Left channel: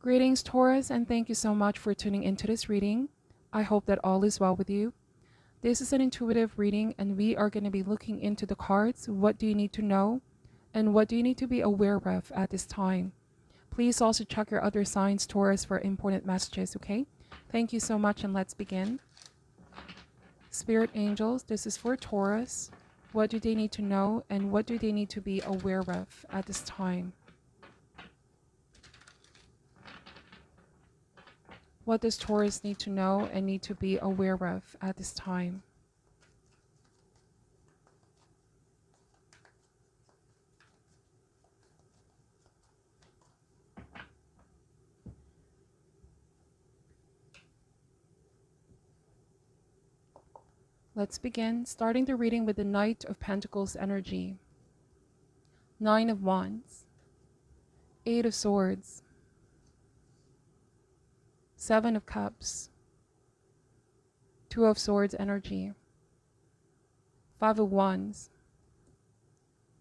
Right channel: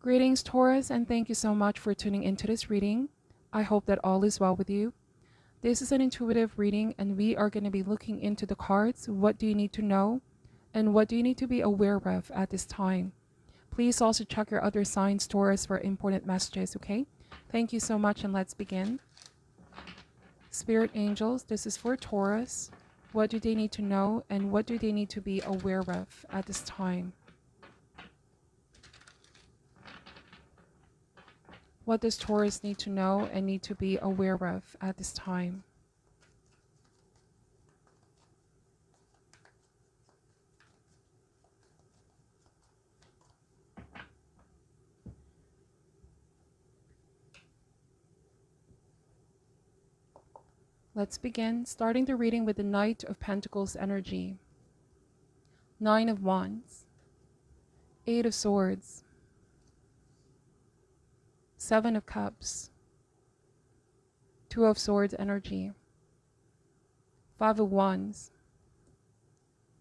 Greetings, Taurus, and thank you so much for tuning into this reading. I hope that all is well with you. This is an intuitive reading, and we are going to be looking into the cards. What do you need to know, and what do you need to be aware of at this time? Please also check your other signs, Taurus, for important messages, okay? Thank you so much, and let's begin. Spirit angels, this is for Taurus. What do they need to know, and what do they need to be aware of at this time? What does Taurus need to know and need to be aware of at this time? Let's begin, starting the reading with the Knight of Pentacles energy. 9 of Wands, 8 of Swords, 7 of Cups, 2 of Swords energy, 5 of Wands,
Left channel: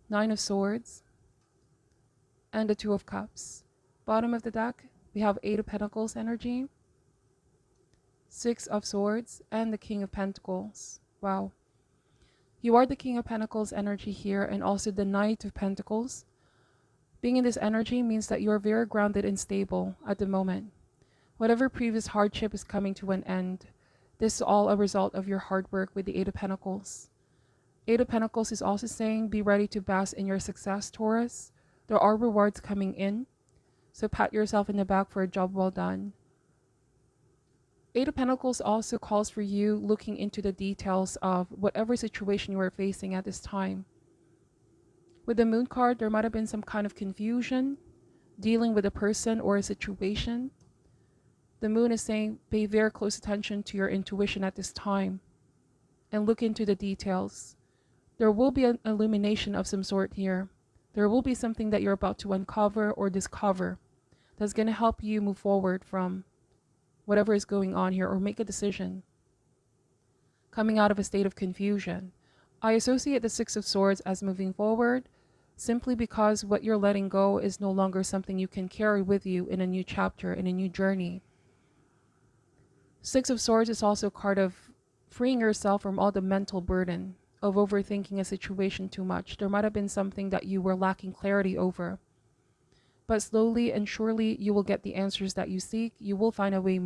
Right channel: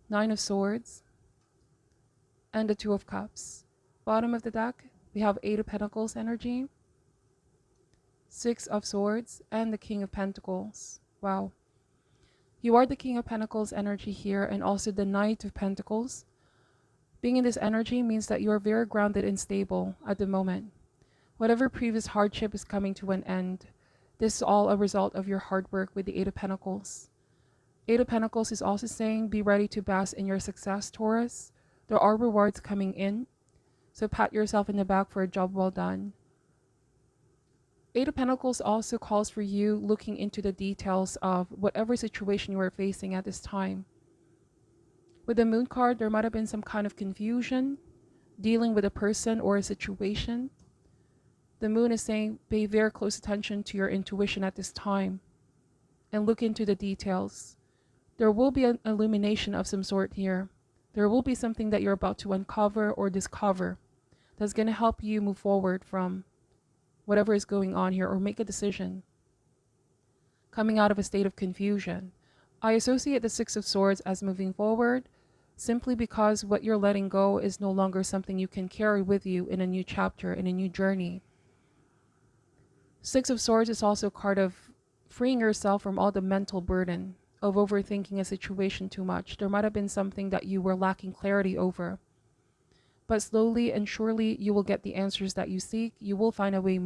9 of Swords, and the 2 of Cups. Bottom of the deck, we have 8 of Pentacles energy, 6 of Swords, and the King of Pentacles. Wow. You are the King of Pentacles energy here, and also the Knight of Pentacles. Being in this energy means that you're very grounded and stable at the moment. Whatever previous hardship is coming to an end. This is all a result of your hard work with the 8 of Pentacles. 8 of Pentacles is also saying be ready to bask in your success, Taurus. There are rewards coming in, so pat yourself in the back for a job well done. 8 of Pentacles also calls for you looking into the details of whatever situation you are facing at this time. With the Moon card, there might have been some kind of confusion dealing with a person or a situation. The Moon is saying pay very close attention to your intuition at this time and look into the details. There will be an illumination of some sort here. There will be something that you're about to uncover or discover that's going to help you move forward from whatever is going on here, or make a decision coming out of a state of confusion. I associate the 6 of Swords as moving forward simply because what you're letting go is no longer something you can carry with you in a new chapter, in a new journey. 6 of Swords is also a card of freeing yourself from all the mental burden of overthinking a situation too much. There might have been something that you were lacking clarity over. But slowly and surely you will get the answers that you seek. You will find a way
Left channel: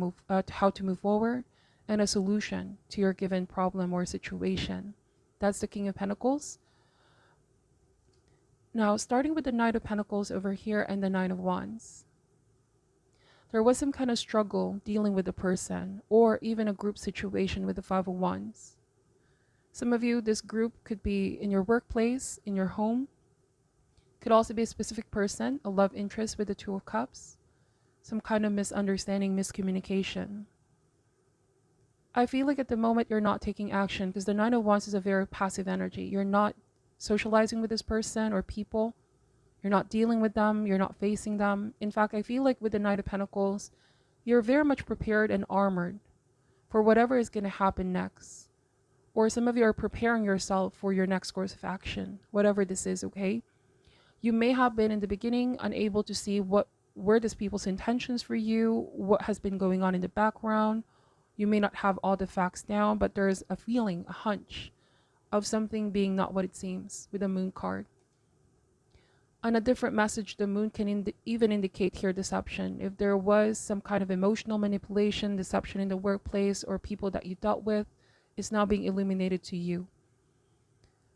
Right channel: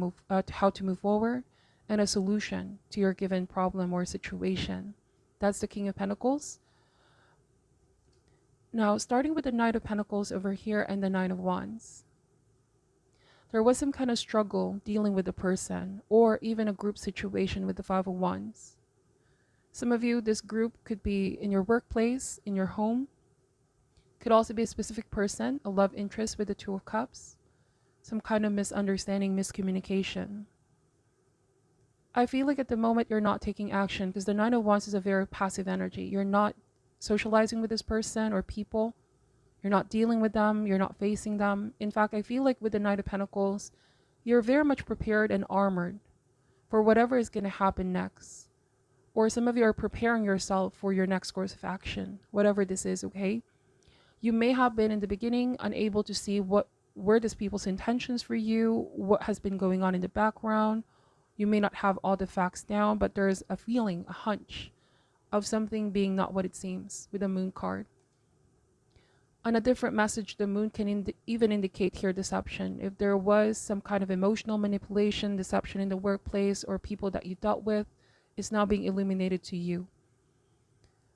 how to move forward and a solution to your given problem or situation. That's the King of Pentacles. Now, starting with the Knight of Pentacles over here and the 9 of Wands. There was some kind of struggle dealing with a person or even a group situation with the 5 of Wands. Some of you, this group could be in your workplace, in your home. Could also be a specific person, a love interest with the 2 of Cups, some kind of misunderstanding, miscommunication. I feel like at the moment you're not taking action because the 9 of Wands is a very passive energy. You're not socializing with this person or people. You're not dealing with them. You're not facing them. In fact, I feel like with the 9 of Pentacles, you're very much prepared and armored for whatever is going to happen next. Or some of you are preparing yourself for your next course of action, whatever this is, okay? You may have been in the beginning unable to see what were these people's intentions for you, what has been going on in the background. You may not have all the facts down, but there's a feeling, a hunch of something being not what it seems with the Moon card. On a different message, the Moon can even indicate here deception. If there was some kind of emotional manipulation, deception in the workplace or people that you dealt with, it's now being illuminated to you.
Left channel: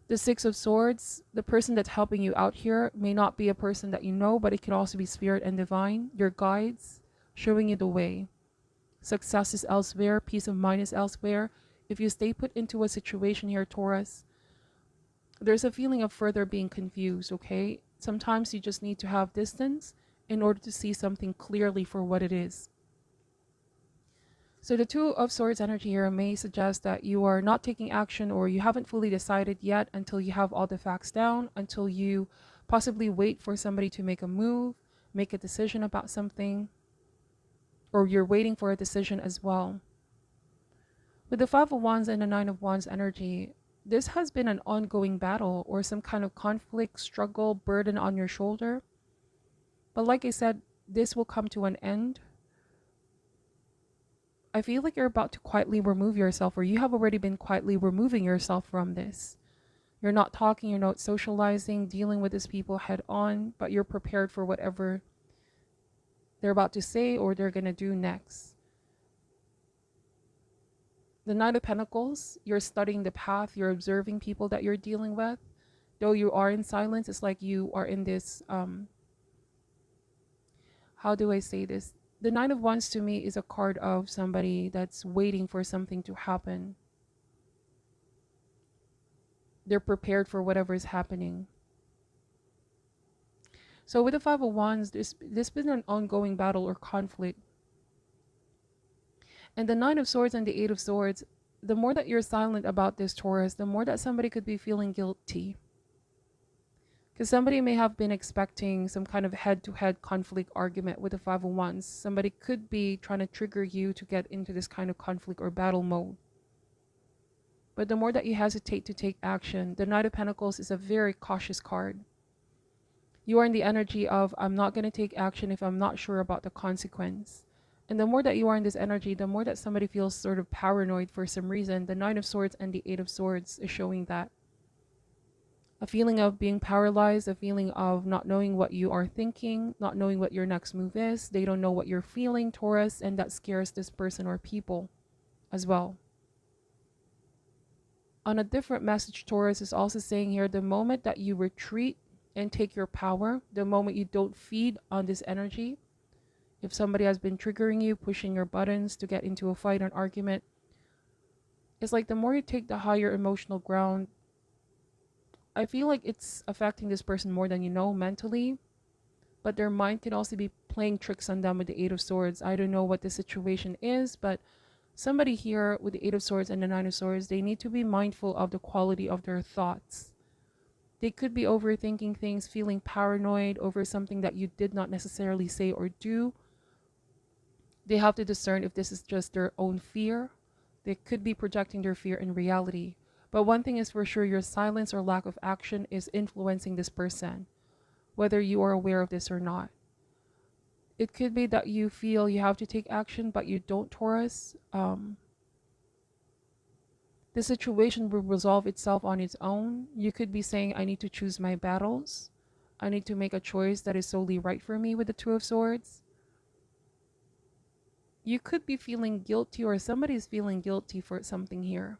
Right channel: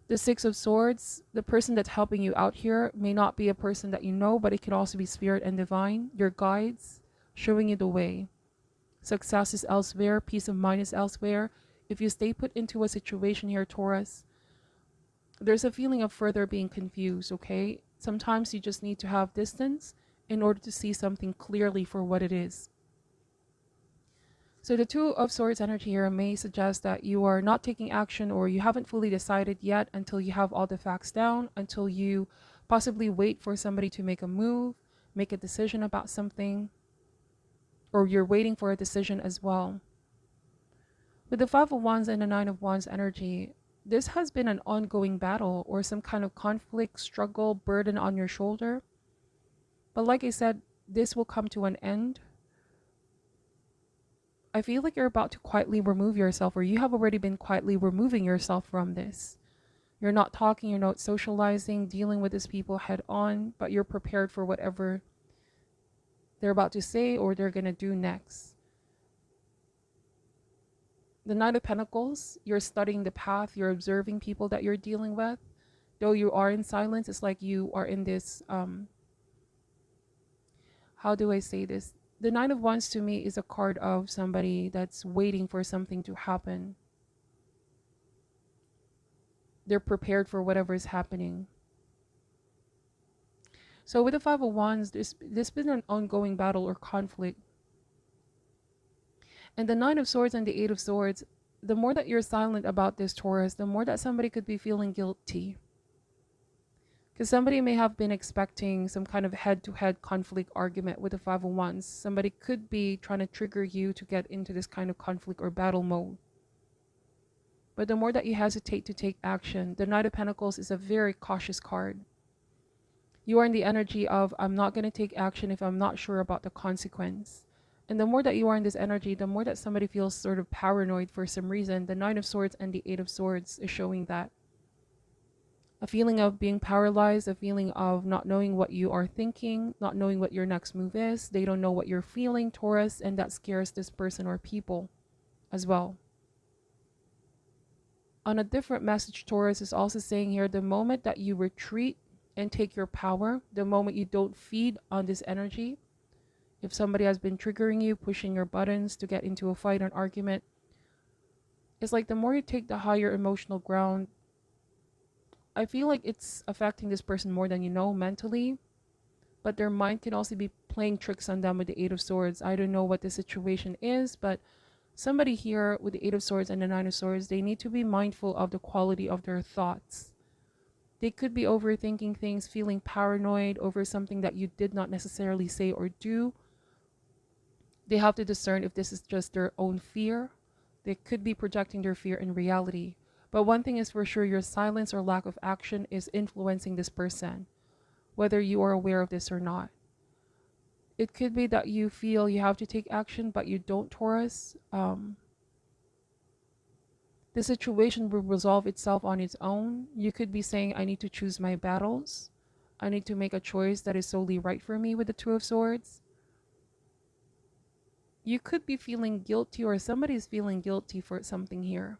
The 6 of Swords, the person that's helping you out here may not be a person that you know, but it could also be spirit and divine, your guides, showing you the way. Success is elsewhere, peace of mind is elsewhere. If you stay put into a situation here, Taurus, there's a feeling of further being confused, okay? Sometimes you just need to have distance in order to see something clearly for what it is. So the 2 of Swords energy here may suggest that you are not taking action or you haven't fully decided yet until you have all the facts down, until you possibly wait for somebody to make a move, make a decision about something, or you're waiting for a decision as well. With the 5 of Wands and the 9 of Wands energy, this has been an ongoing battle or some kind of conflict, struggle, burden on your shoulder. But like I said, this will come to an end. I feel like you're about to quietly remove yourself, or you have already been quietly removing yourself from this. You're not talking, you're not socializing, dealing with these people head on, but you're prepared for whatever they're about to say or they're going to do next. The Nine of Pentacles, you're studying the path, you're observing people that you're dealing with. Though you are in silence, it's like you are in this, how do I say this? The Nine of Wands to me is a card of somebody that's waiting for something to happen. They're prepared for whatever is happening. So with the Five of Wands, there's been an ongoing battle or conflict. And the Nine of Swords and the Eight of Swords, the more that you're silent about this, Taurus, the more that somebody could be feeling guilty. Because somebody may have been expecting some kind of head-to-head conflict argument with the Five of Wands. Somebody could be trying to trigger you to get into this kind of conflict or battle mode. But the more that you hesitate to take action, the Knight of Pentacles is a very cautious card. You are in the energy of, I'm not going to take action if I'm not sure about the consequence. And the more that you are in this energy, the more that somebody feels sort of paranoid for some reason. The Nine of Swords and the Eight of Swords is showing that. A feeling of being paralyzed, a feeling of not knowing what you are thinking, not knowing what your next move is. They don't know what you're feeling, Taurus, and that scares this person or people as well. On a different message, Taurus is also saying here, the moment that you retreat and take your power, the moment you don't feed on this energy, if somebody has been triggering you, pushing your buttons to get into a fight or an argument, it's like the more you take the higher emotional ground, I feel like it's affecting this person more than you know mentally, but their mind can also be playing tricks on them with the Eight of Swords. I don't know what the situation is, but somebody here with the Eight of Swords and the Nine of Swords, they need to be mindful of the quality of their thoughts. They could be overthinking things, feeling paranoid over something that you did not necessarily say or do. They have to discern if this is just their own fear. They could be projecting their fear in reality. But one thing is for sure, your silence or lack of action is influencing this person, whether you are aware of this or not. It could be that you feel you have to take action, but you don't, Taurus. The situation will resolve itself on its own. You could be saying, I need to choose my battles. I need to make a choice that is solely right for me with the Two of Swords. You could be feeling guilty, or somebody's feeling guilty for something here.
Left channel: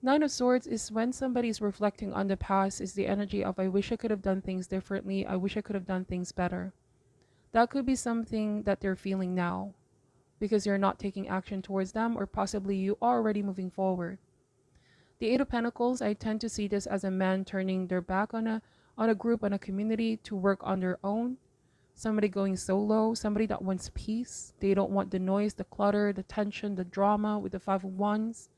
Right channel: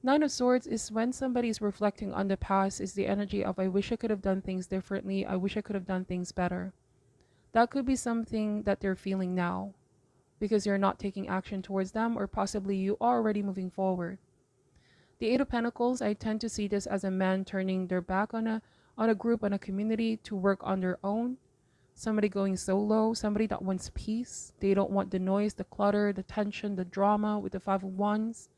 Nine of Swords is when somebody's reflecting on the past, is the energy of, I wish I could have done things differently. I wish I could have done things better. That could be something that they're feeling now because you're not taking action towards them, or possibly you are already moving forward. The Eight of Pentacles, I tend to see this as a man turning their back on a group, on a community to work on their own. Somebody going solo, somebody that wants peace. They don't want the noise, the clutter, the tension, the drama with the Five of Wands.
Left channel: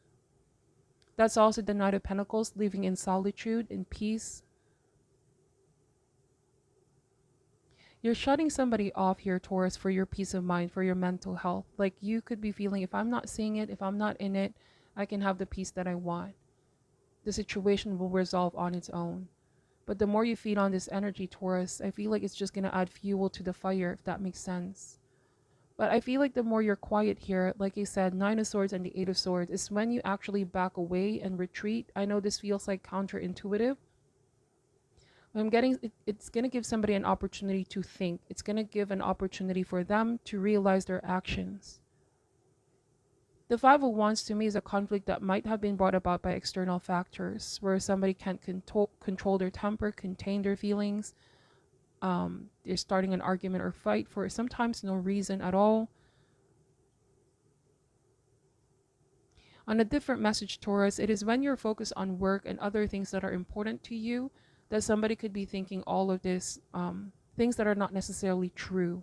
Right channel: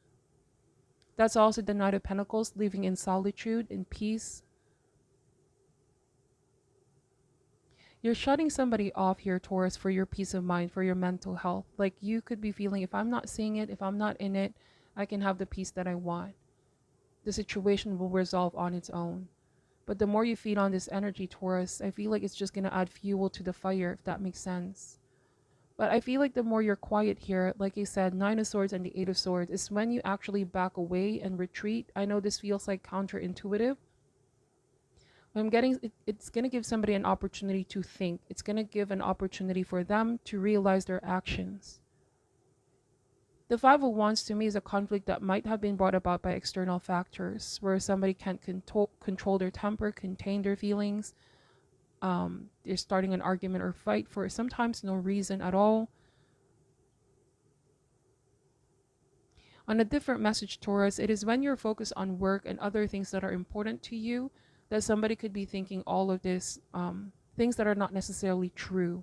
That's also the Knight of Pentacles, living in solitude, in peace. You're shutting somebody off here, Taurus, for your peace of mind, for your mental health. Like you could be feeling, if I'm not seeing it, if I'm not in it, I can have the peace that I want. The situation will resolve on its own. But the more you feed on this energy, Taurus, I feel like it's just going to add fuel to the fire, if that makes sense. But I feel like the more you're quiet here, like I said, Nine of Swords and the Eight of Swords, is when you actually back away and retreat. I know this feels like counterintuitive. But I'm getting, it's going to give somebody an opportunity to think. It's going to give an opportunity for them to realize their actions. The Five of Wands to me is a conflict that might have been brought about by external factors, where somebody can't control their temper, contain their feelings. They're starting an argument or fight for sometimes no reason at all. On a different message, Taurus, it is when you're focused on work and other things that are important to you that somebody could be thinking all of this, things that are not necessarily true.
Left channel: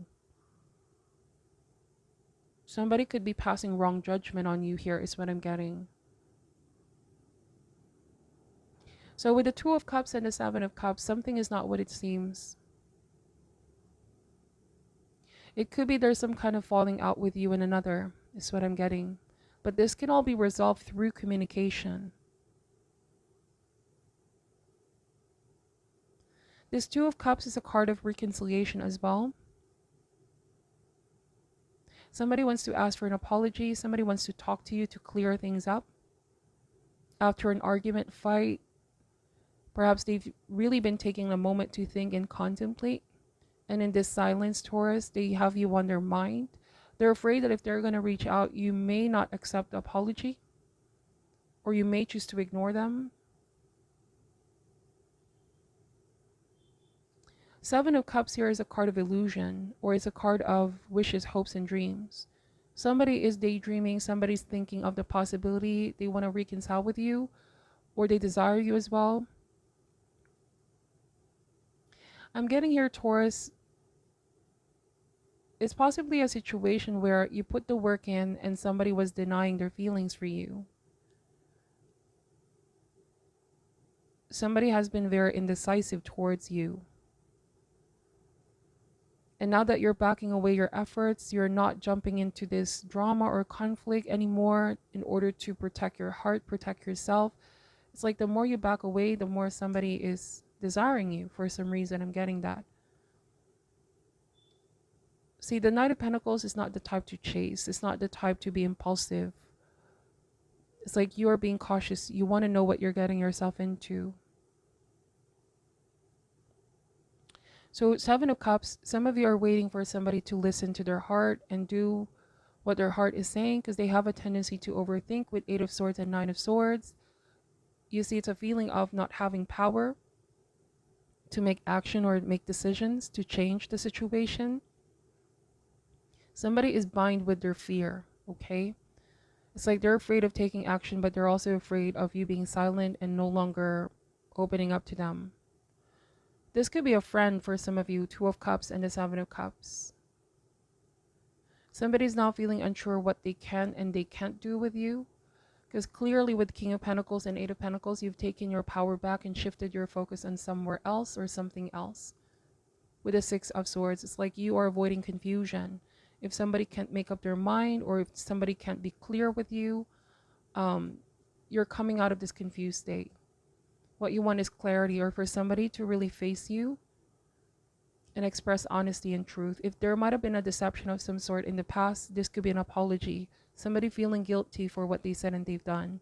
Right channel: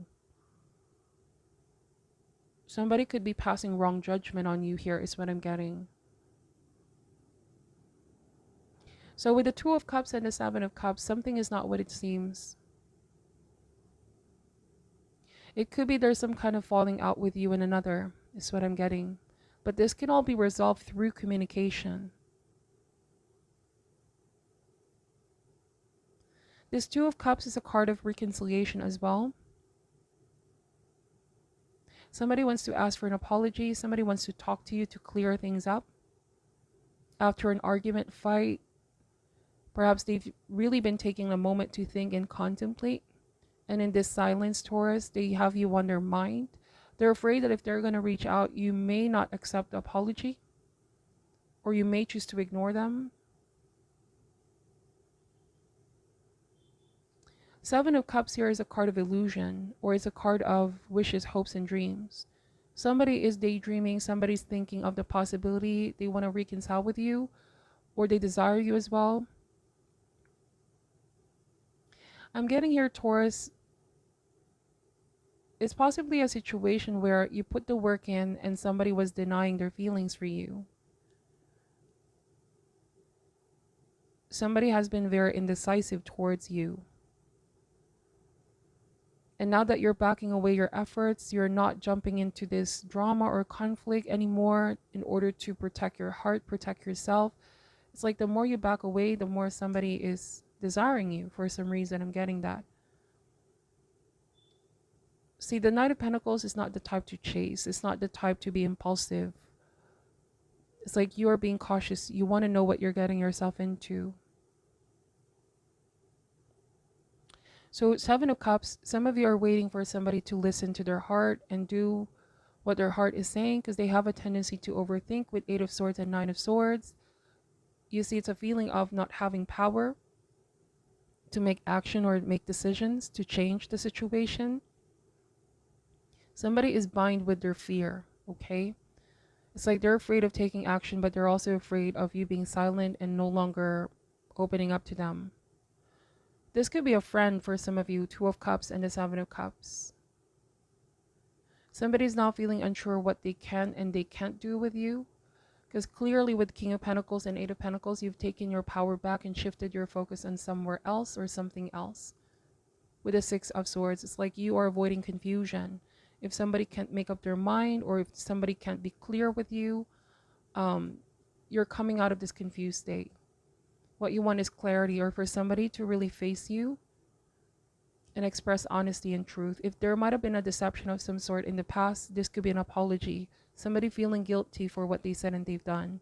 Somebody could be passing wrong judgment on you here is what I'm getting. So with the Two of Cups and the Seven of Cups, something is not what it seems. It could be there's some kind of falling out with you and another, is what I'm getting. But this can all be resolved through communication. This Two of Cups is a card of reconciliation as well. Somebody wants to ask for an apology. Somebody wants to talk to you to clear things up. After an argument, fight, perhaps they've really been taking a moment to think and contemplate. And in this silence, Taurus, they have you on their mind. They're afraid that if they're going to reach out, you may not accept the apology, or you may choose to ignore them. Seven of Cups here is a card of illusion, or it's a card of wishes, hopes, and dreams. Somebody is daydreaming, somebody's thinking of the possibility they want to reconcile with you, or they desire you as well. I'm getting here, Taurus, it's possibly a situation where you put the work in and somebody was denying their feelings for you. Somebody has been very indecisive towards you. And now that you're backing away your efforts, you're not jumping into this drama or conflict anymore in order to protect your heart, protect yourself. It's like the more you back away, the more somebody is desiring you for some reason. I'm getting that. See, the Knight of Pentacles is not the type to chase. It's not the type to be impulsive. It's like you are being cautious. You want to know what you're getting yourself into. So Seven of Cups, some of you are waiting for somebody to listen to their heart and do what their heart is saying, because they have a tendency to overthink with Eight of Swords and Nine of Swords. You see, it's a feeling of not having power to make action or make decisions to change the situation. Somebody is bind with their fear, okay? It's like they're afraid of taking action, but they're also afraid of you being silent and no longer opening up to them. This could be a friend for some of you, Two of Cups and the Seven of Cups. Somebody's now feeling unsure what they can and they can't do with you. Because clearly with King of Pentacles and Eight of Pentacles, you've taken your power back and shifted your focus on somewhere else or something else. With the Six of Swords, it's like you are avoiding confusion. If somebody can't make up their mind, or if somebody can't be clear with you, you're coming out of this confused state. What you want is clarity, or for somebody to really face you and express honesty and truth. If there might have been a deception of some sort in the past, this could be an apology. Somebody feeling guilty for what they said and they've done.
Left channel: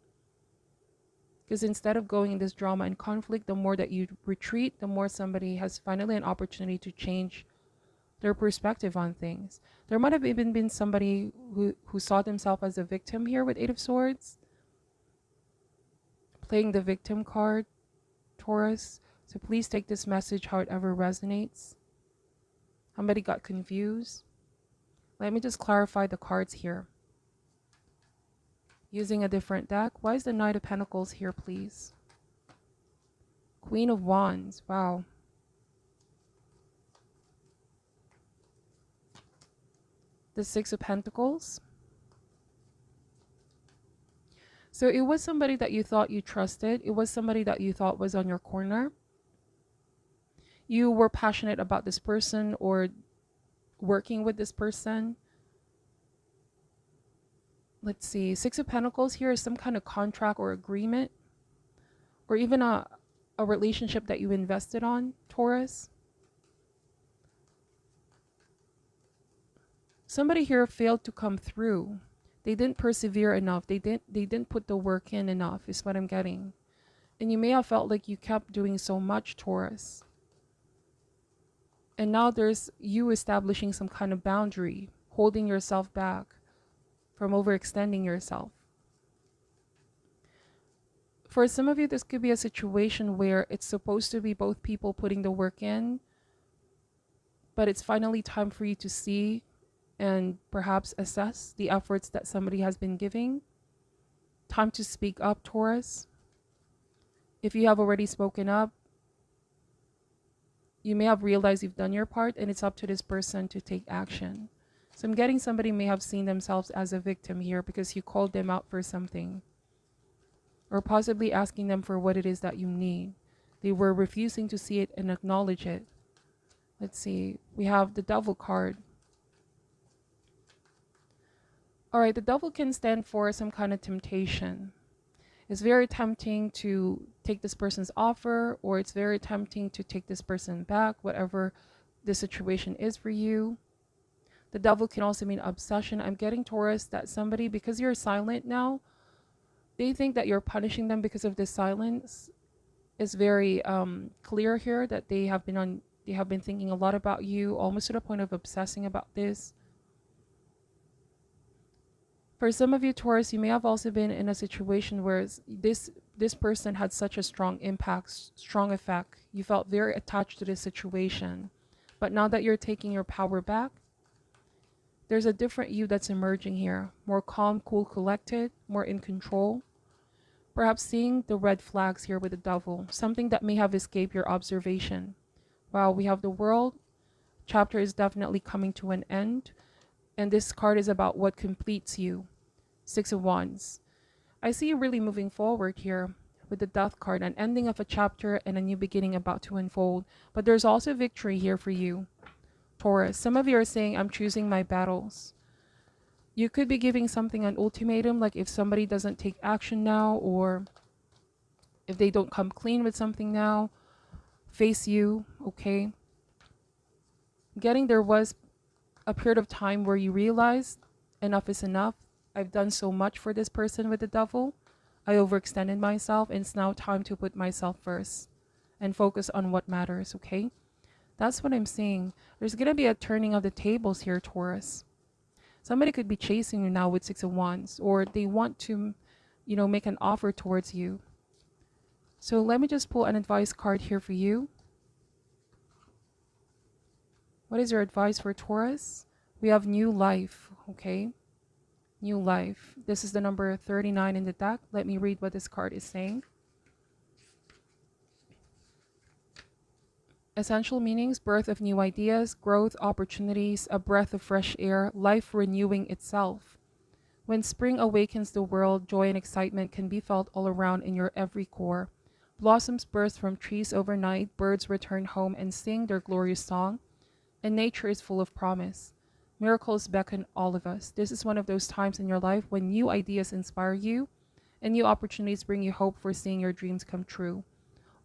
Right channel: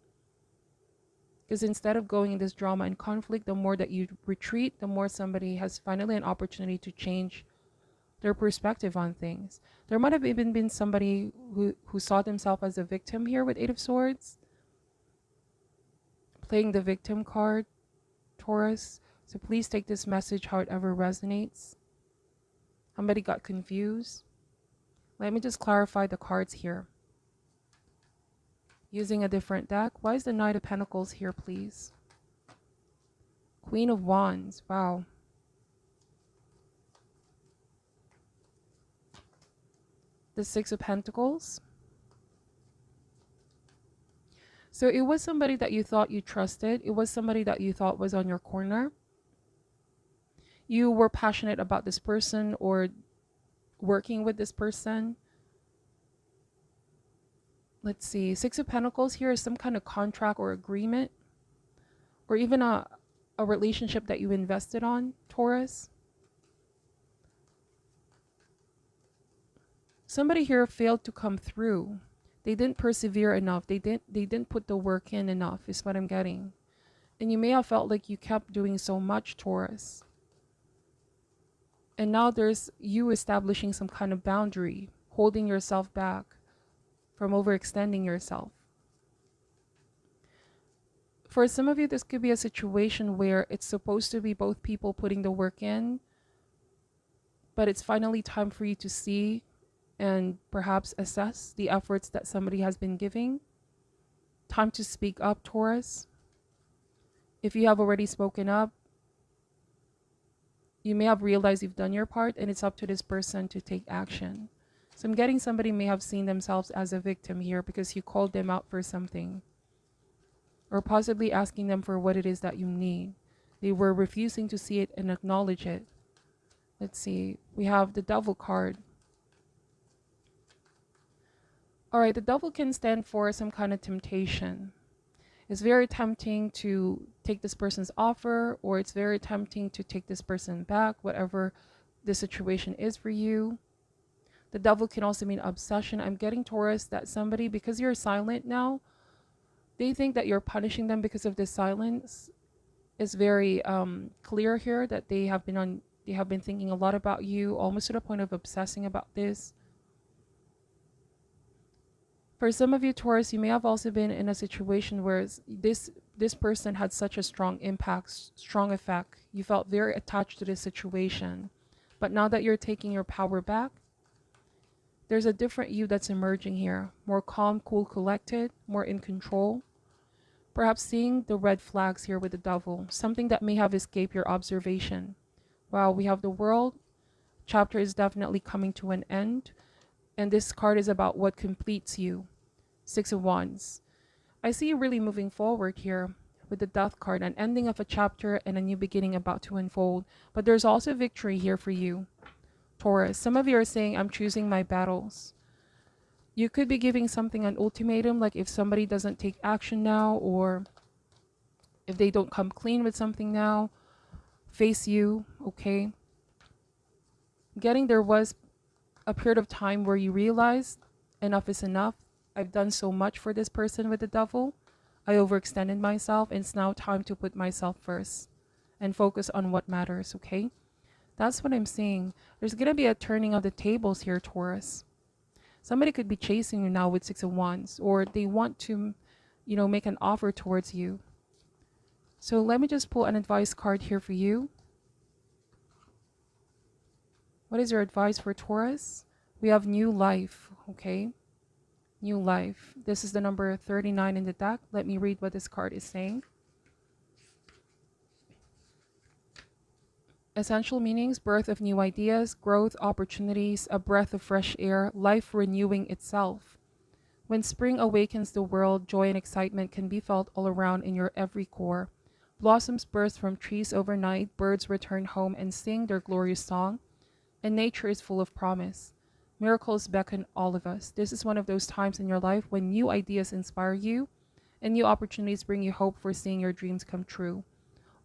Because instead of going in this drama and conflict, the more that you retreat, the more somebody has finally an opportunity to change their perspective on things. There might have even been somebody who saw themselves as a victim here with Eight of Swords. Playing the victim card, Taurus. So please take this message however resonates. Somebody got confused. Let me just clarify the cards here. Using a different deck. Why is the Knight of Pentacles here, please? Queen of Wands. Wow. The Six of Pentacles. So it was somebody that you thought you trusted. It was somebody that you thought was on your corner. You were passionate about this person or working with this person. Let's see. Six of Pentacles here is some kind of contract or agreement, or even a relationship that you invested on, Taurus. Somebody here failed to come through. They didn't persevere enough. They didn't put the work in enough, is what I'm getting. And you may have felt like you kept doing so much, Taurus. And now there's you establishing some kind of boundary, holding yourself back from overextending yourself. For some of you, this could be a situation where it's supposed to be both people putting the work in, but it's finally time for you to see and perhaps assess the efforts that somebody has been giving. Time to speak up, Taurus. If you have already spoken up, you may have realized you've done your part and it's up to this person to take action. So I'm getting somebody may have seen themselves as a victim here because you called them out for something, or possibly asking them for what it is that you need. They were refusing to see it and acknowledge it. Let's see. We have the Devil card. All right, the Devil can stand for some kind of temptation. It's very tempting to take this person's offer, or it's very tempting to take this person back, whatever the situation is for you. The devil can also mean obsession. I'm getting, Taurus, that somebody, because you're silent now, do you think that you're punishing them because of this silence? It's very clear here that they have been thinking a lot about you, almost to the point of obsessing about this. For some of you, Taurus, you may have also been in a situation where this person had such a strong impact, strong effect. You felt very attached to this situation. But now that you're taking your power back, there's a different you that's emerging here. More calm, cool, collected, more in control. Perhaps seeing the red flags here with the devil, something that may have escaped your observation. Wow, we have the world. Chapter is definitely coming to an end. And this card is about what completes you. Six of Wands. I see you really moving forward here with the Death card, an ending of a chapter and a new beginning about to unfold. But there's also victory here for you, Taurus. Some of you are saying, I'm choosing my battles. You could be giving something an ultimatum, like if somebody doesn't take action now, or if they don't come clean with something now, face you, okay? There was a period of time where you realized enough is enough. I've done so much for this person with the devil. I overextended myself, and it's now time to put myself first and focus on what matters, okay? That's what I'm seeing. There's going to be a turning of the tables here, Taurus. Somebody could be chasing you now with Six of Wands, or they want to, make an offer towards you. So let me just pull an advice card here for you. What is your advice for Taurus? We have new life, okay? New life. This is the number 39 in the deck. Let me read what this card is saying. Essential meanings: birth of new ideas, growth, opportunities, a breath of fresh air, life renewing itself. When spring awakens the world, joy and excitement can be felt all around in your every core. Blossoms burst from trees overnight, birds return home and sing their glorious song, and nature is full of promise. Miracles beckon all of us. This is one of those times in your life when new ideas inspire you and new opportunities bring you hope for seeing your dreams come true.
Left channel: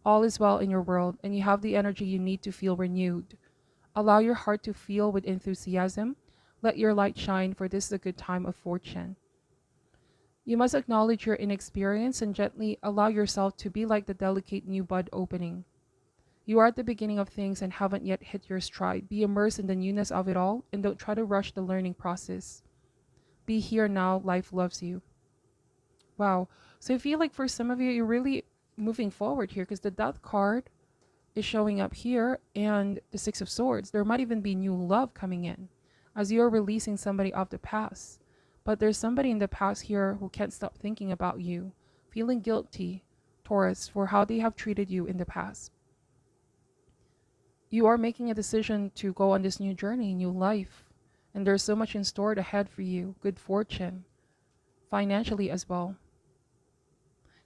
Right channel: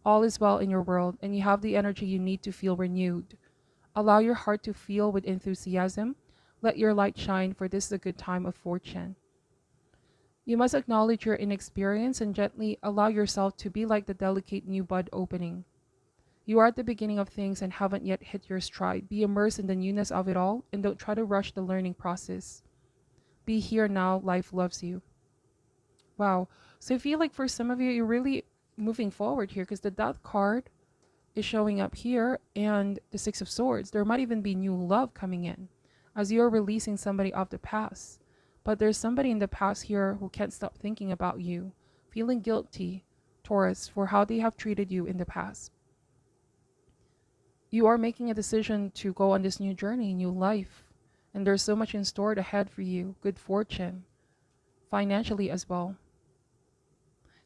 All is well in your world, and you have the energy you need to feel renewed. Allow your heart to feel with enthusiasm. Let your light shine, for this is a good time of fortune. You must acknowledge your inexperience and gently allow yourself to be like the delicate new bud opening. You are at the beginning of things and haven't yet hit your stride. Be immersed in the newness of it all and don't try to rush the learning process. Be here now. Life loves you. Wow. So I feel like for some of you, you're really moving forward here, because the Death card is showing up here and the Six of Swords. There might even be new love coming in as you're releasing somebody of the past. But there's somebody in the past here who can't stop thinking about you, feeling guilty, Taurus, for how they have treated you in the past. You are making a decision to go on this new journey, new life, and there's so much in store ahead for you. Good fortune, financially as well.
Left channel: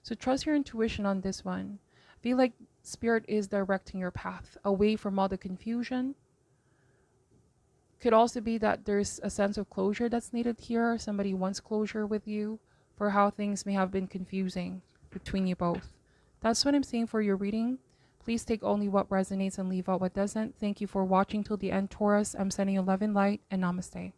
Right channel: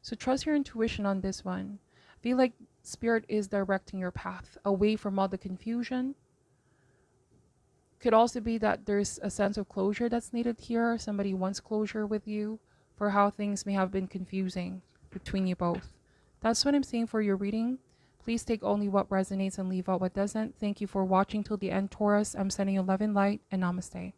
So trust your intuition on this one. Feel like Spirit is directing your path away from all the confusion. Could also be that there's a sense of closure that's needed here. Somebody wants closure with you for how things may have been confusing between you both. That's what I'm seeing for your reading. Please take only what resonates and leave out what doesn't. Thank you for watching till the end, Taurus. I'm sending you love and light, and namaste.